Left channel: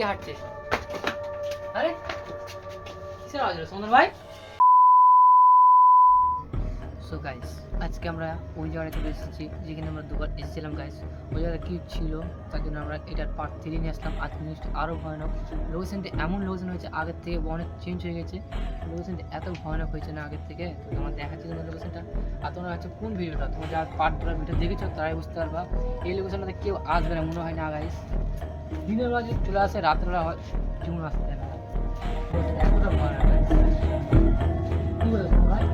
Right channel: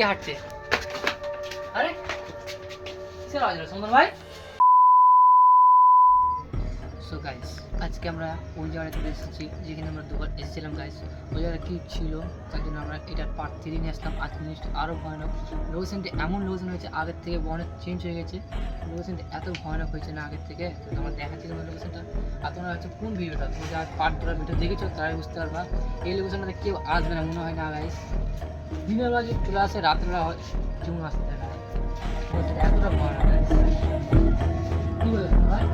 দেখে হাঁটছে। আরে কিসের আওয়াজ হলো সুন্দর ভাই? সো গাইস আজকে আমরা ওই জায়গায় চলে এসেছি যেখানে আমরা দুবার এসেছিলাম গাইস। ওই জায়গায় কী ছিল তার জন্য আমরা এটার পার্ট 3 নিয়ে আসলাম। আজকে জিনিসটা আরও ভয়ানক। লোকেশনটা এমন লোকেশন হয়েছে আগের থেকে অনেক চেঞ্জ হয়ে গেছে। লোকেশনটা এত ভয়ানক হয়েছে না আগের থেকে, তো তোমার দেখাচ্ছি তোমার লোকেশনটা। আর তোমরা হচ্ছে কোন ভিডিওটা তোমরা যারা পার্ট ধরার ভিডিও দেখেছো তারাই বুঝতে পারবা। এই লোকেশনটাতে কেউ আসবে না মনে হয় না গাইস। দিনের বেলা যদি চলে আসে রাত্রেবেলা হয় যেমন আসতে না, এতটা ভয়ানক। কী বলে ভাই?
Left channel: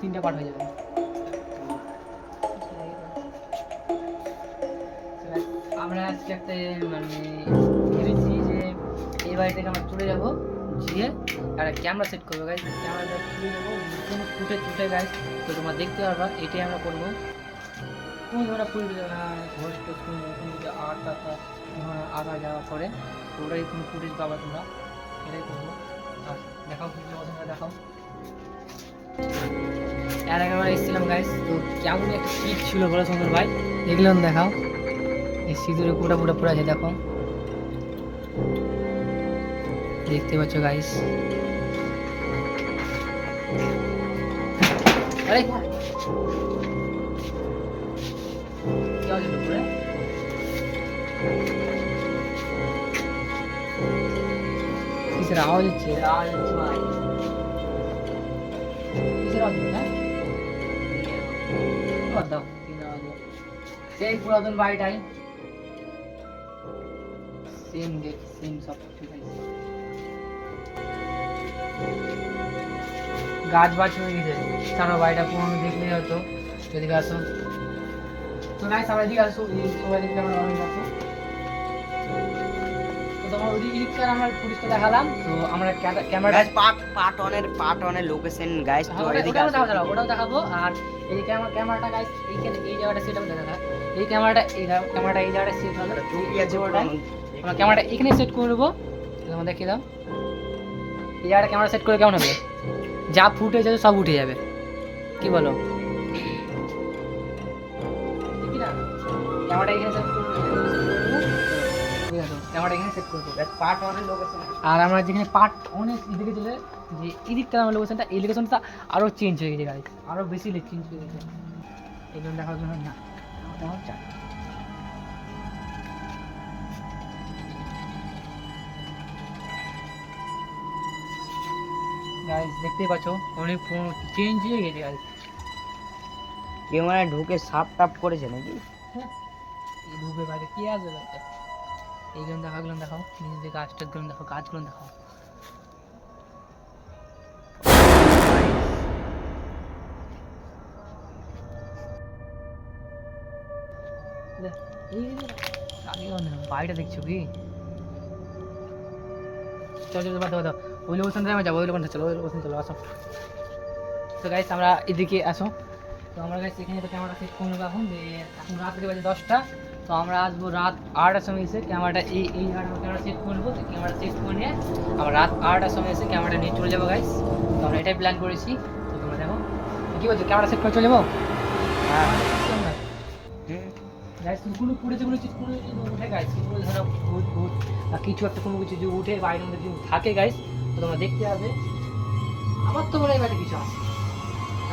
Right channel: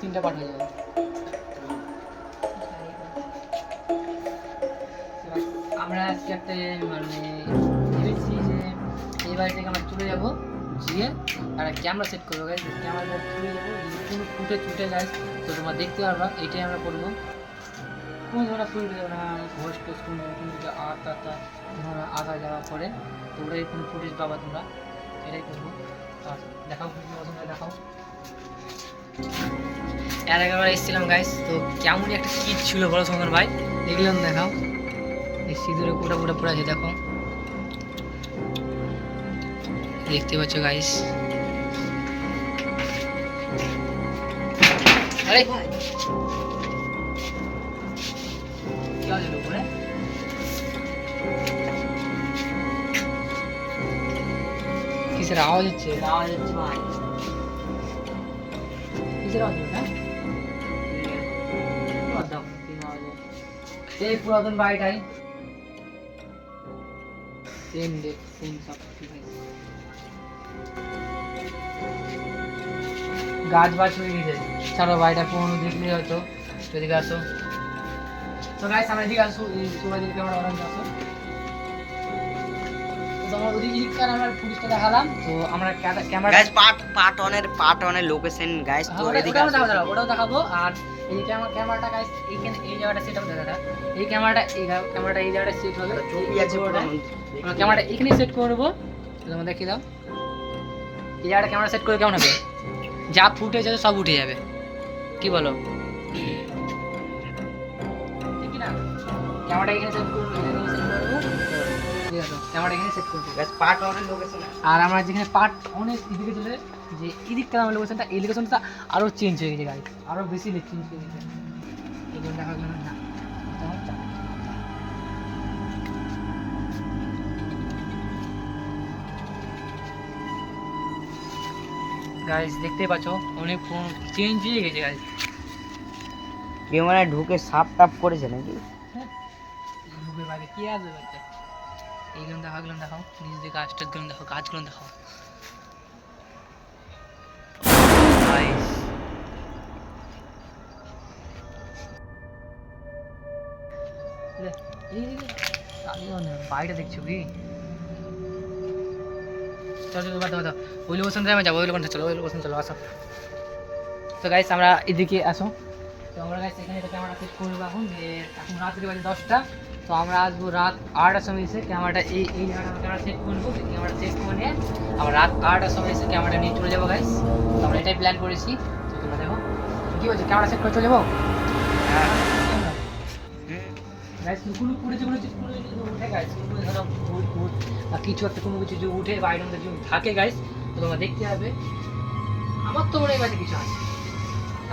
তিনটা পাঠ হয়ে যাবে। আমরা আজকে একটা মানে ভেবেছি যে এই বাড়ি থেকে আমরা চলে যাবো, গিয়ে একটা ক্যামেরা সেট করবো গাইজ। ক্যামেরাটা চলে যাবো কোনো ফুটে গাইজ, তো তোমরা দেখতে পারবা। এটাই আমরা করবো। কোনো ধরনের ফুল দেবো না, ঘোষ টোস কোনো দিকে আঁকা যাওয়া পরে তো ওটাই কোনো ফুটেজ পাবা তোমরা, এটাই করবো। আর দেখাও দেখাও। এর আগে আমরা এসেছিলাম গাইস, তো কেমন একটা কিট ছিল বড় সুন্দর ভাই, এগুলো দেখাও। এই সিঁদুরে পুটা পড়ে আছে দেখো, দেখতে পাচ্ছ গাইস। আরে কি আছে উপরে? কিসের আওয়াজ হচ্ছে? ভাই কিসের আওয়াজ হচ্ছে? এই পুরাতন বাড়িটাই সেম সব কিছু গাছ হয়ে গেছে। ছাড়ো বাড়িটা পুরোনো দেখলেই হয়তো। এদিকে আসো তো গাইস, আমরা এদিকে আসো, এই সবাই দেখলে আমরা অনেক আসো। তো তোমার ওদিকে আমরা পুলিশটা দেখালাম। তো আমরা ক্যামেরা গাইস পার্ট 1 এর লোকেশন গাইস, তো এদিকে আসো। ওটাও দেখাবো। আর এই ক্যামেরাটা গাইস এইখানে এই জায়গাটা সেট হবে দাদা। এই ক্যামেরাটা এই জায়গাটা সেট হবে। আমরা ক্যামেরাটা এখানে সেট করে নেবো। তোমরা দেখে দাও এই জায়গাটা ক্যামেরা সেট করে কেমন হবে? যা ফুটেজ আছে সব উঠে যাবে, কি বলো? ক্যামেরাটা এখানে সেট করে নেবো। ঠিক আছে, ক্যামেরাটা এখানে সেট করবো গাইস পার্ট 1 এর লোকেশন। আর আমরা যেখানে পার্ট অনেক এদিকে চলে যে এদিকটা আমার লোকেশনটা, এই লোকেশনটা আরও চেঞ্জ হয়ে গেছে গাইস, আরও বেশি চেঞ্জ হয়ে গেছে। এই জন্য দেখা গেল না গাইস, দেখতেই পাচ্ছ অনেক চেঞ্জ হয়ে গেছে গাইস। কেউ মানে ঢুকে সাপ টাপ করেছে নাকি? ঢুকে বাইরে কি আসবে বাচ্চা? এইগুলো দেখাও নিজেদের গাছটার জন্য দেখো, গাছগুলো দেখাও। বাড়িটা দেখছো কি? চলো ওই লোকেশন থেকে যাবো, ওই লোকেশন চলো আসো। তো গাইস আমরা এদিকে আসো। তো আমরা গাইস এখানে তো ক্যামেরা সেট করে রাখুন যে এখন রাত্রি বাজে 10টা। তো আমরা আসবো রাত 8টার সময় এসে ক্যামেরাটা এই জায়গাটা ক্যামেরা সেট করে নেবো। ক্যামেরা সেট করে নিয়ে আমরা রাত 8টার সময় এসে ক্যামেরাটা নিয়ে চলে যাবো গাইস। তো আমরা এটাই প্ল্যান করেছি। তো তোমরা দেখো কী বলছি, ক্যামেরা সেট করে চলে যাবো। গাইস কোনো উঠে গাইস, কোনো ধরো ভূত বা কিছু একটা কোনো কিছু যে উঠে বাইরের মধ্যে যদি থাকে গাইস, তো তোমরা দেখতে পাবে। আমার তো মনে হয় বাড়িতে কিছু আছে।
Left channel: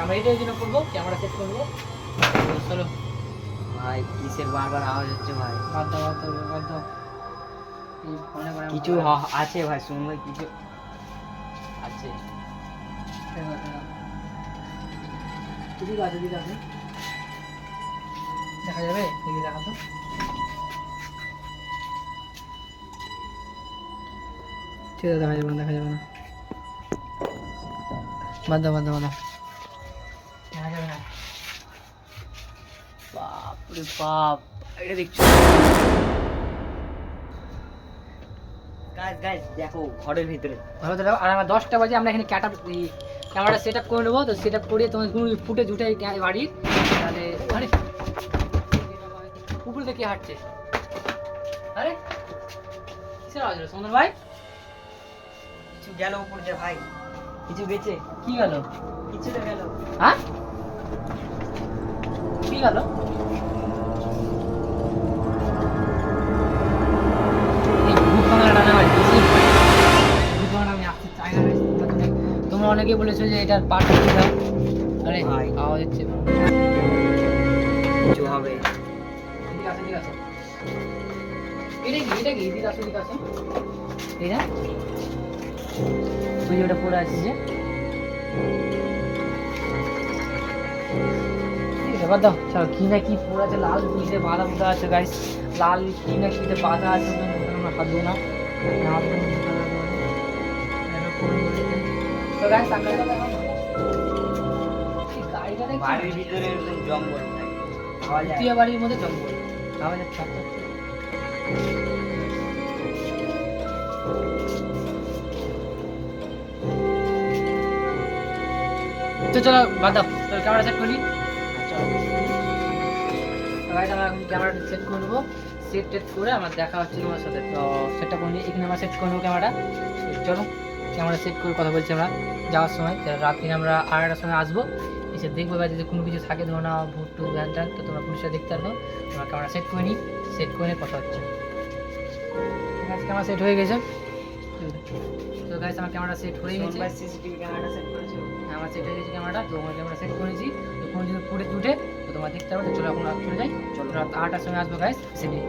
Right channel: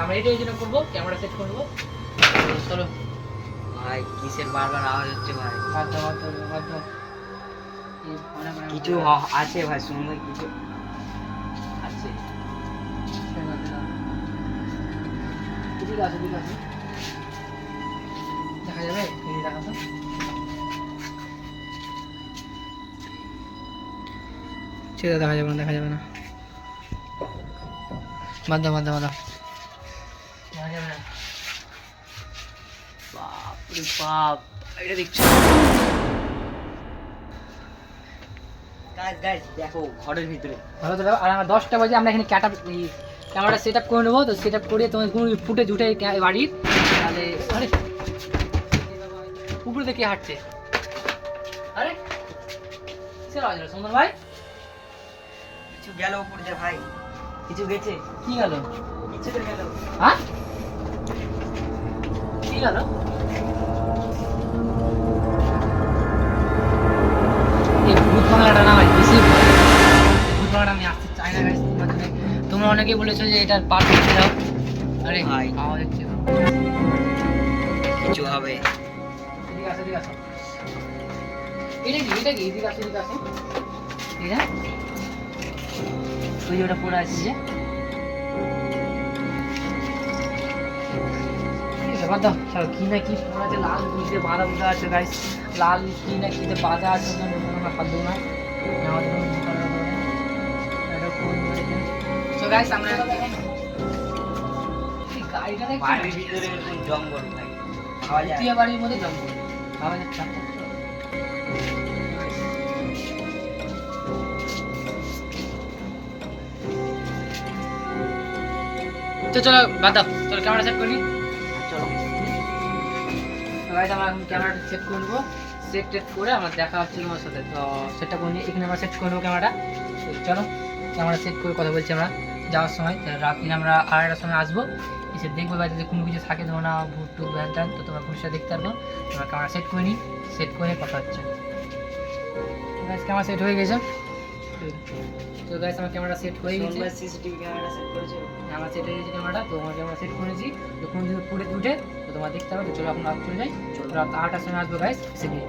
আমরা এটাই জন্য করবো, ক্যামেরা সেট করবো। চলো ভাই কিসের বারবার আওয়াজ হচ্ছে ভাই? বাদ দাও। কিছু আছে ভাই, শুনবে কিছু আছে। এদিকে আসো দেখা যাবে, এদিকে দেখাতো। ঠিক আছে, দেখা যাবে না। বাদ দাও। দেখা যাবে না। বাপ এটা দেখছো? গাইস দেখো ঘরের ভিতরে। আর আমার 10টা বাজে আমরা এখানে ক্যামেরা সেট আপ করে নেবো। তো সেট আপ করিয়ে তোমার কোনো ফুটেজ উঠে বাড়ির তাহলে। আরে কুকুর দেখে হাঁটছে। আরে কিসের আওয়াজ হলো সুন্দর ভাই? কিছু গেল উপরে ভাই, কিছু গেছে। কি গেল? কিছু হ্যাঁ কি গেল এই ভূত বাংলাটা না হয় বেশি ভূত বাংলা আমি আসতে চাই না guys, তোমরা অনেকেই বলেছো যে এটার পার্ট ছিল আরে ভাই। আওয়াজ হচ্ছে কিছু হবে। এদিকে আসো এদিকে আসো এটা কি এদিকে আসো এটা তুই ওটা পড়ে আছিস যে এবার দাও চল কি না কি পড়ে আছে লাল বুঝতে বাঁধা বুঝা আছে গাইস লাল কি না কিতে বাঁধা আছে ওখানে পারবো না তো গাইস আমরা এই গাড়িটা দেখছি বাড়ির ভিতরে এরকম জঙ্গল থাকে, পাওয়া যায়। দ্বিতীয় বাড়ির মধ্যে জঙ্গল পাওয়া যাচ্ছে তো চলো গাদা চল ক্যামেরা সেট করি আমরা এখন ক্যামেরাটা সেট করে নেবো সেট টেট করে আমার দেখা হচ্ছে তোমার সাথে তো সেটটা করে নিই এখানে আমরা সেট করে নেবো ক্যামেরাটা চলো ক্যামেরা সেট করে কথা বলছি আমরা যাওয়ার সময় রাত্রি আমরা 8টার সময় আসবো এসে দেখবো বা যদি কোনো কিছু থাকে ধরো না ভূত টুত ভ্যান ট্যান তো তোমরা পুলিশটা দেখতে পারবো আমরা ক্যামেরা সেট করে নিই সেট করে নিয়ে কথা হচ্ছে ক্যামেরা সেট হয়ে গেছে তো গাইস আমার ক্যামেরা সেট হয়ে গেছে সিসিটিভি ক্যামেরা সেট করেছো? আমার সেট হয়ে গেছে ক্যামেরাটা তো আমার ক্যামেরা সেট করেছি তো কোনো যদি ফুটে উঠে তো তোমরা দেখতে পারবে তো চলো এখন রাত চলে যাই চলো রাত 8টার সময় আসবো গাইস এসে নিয়ে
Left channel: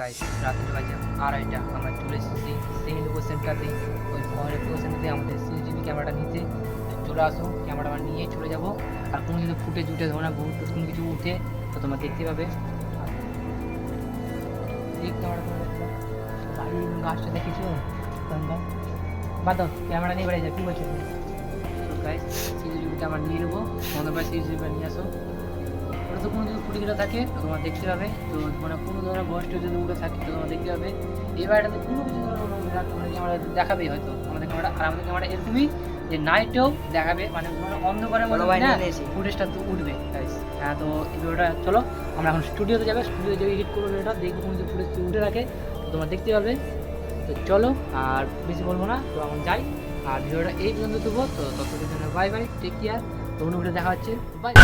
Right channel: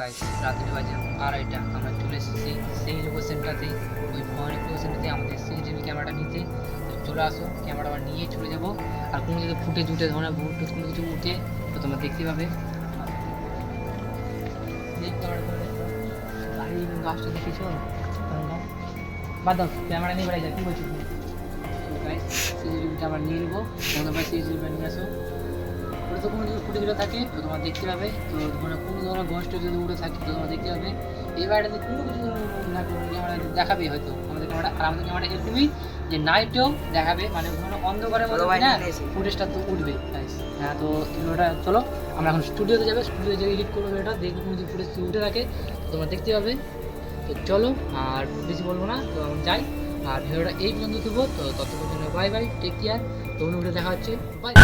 গাইস রাতের বাজে 2:30 আমরা চলে এসেছি সেই লোকেশনটাতে ওই ভয়ের লোকেশনটাতে আমাদের সিসিটিভি ক্যামেরাটা নিতে তো চলে আসো ক্যামেরা আবার নিয়ে চলে যাব আর কোনো যদি ফুটেজ উঠে ধরো না ভূত টুত কোনো কিছু উঠে তো তোমরা দেখতে পাবে ক্যামেরা করে দেখো গাড়ি গাছটা দেখেছো কোনটা বাদ দাও ক্যামেরা নিয়ে বেড়ে যায় কী বলছো তুমি গাইস সিসিটিভিটা আমরা নিয়ে নেবো তোমরা ভাই সিসিটিভিটা নিয়ে আসো ওটা তো কোনো যদি ফুটে গেলে থাকে তো তোমরা দেখতে পাবে তো মানে কোনো ধরনের গোষ্ঠ যদি উঠে থাকে তো তোমরা দেখতে পাবে এই বাড়িটাতে কোনো কিছু ধরনের উঠে থাকে মানে ক্যামেরা দেখাবেই হয়তো আমাদের ক্যামেরা আর আমাদের ক্যামেরা এরকমই যে নাইটেও দেখাবে মানে ধরো অন্ধকারের মধ্যে না ফুটেজটা তো উঠবে গাইস হ্যাঁ তো এই ভিডিওটা চলো আমরা এখন স্টুডিওতে যাবে স্টুডিও যে এডিট করবো ভিডিওটা দেখবো কোনো যদি ফুটেজ উঠে থাকে তো তোমরা দেখতে পাবে তো চলো আর বেশি বলবো না তো এখন যাই আর ভিডিওটা এই পর্যন্ত দেবো তো ততক্ষণের জন্য বাই বাই টেক কেয়ার তো অন্য ভিডিও দেখা হচ্ছে বাই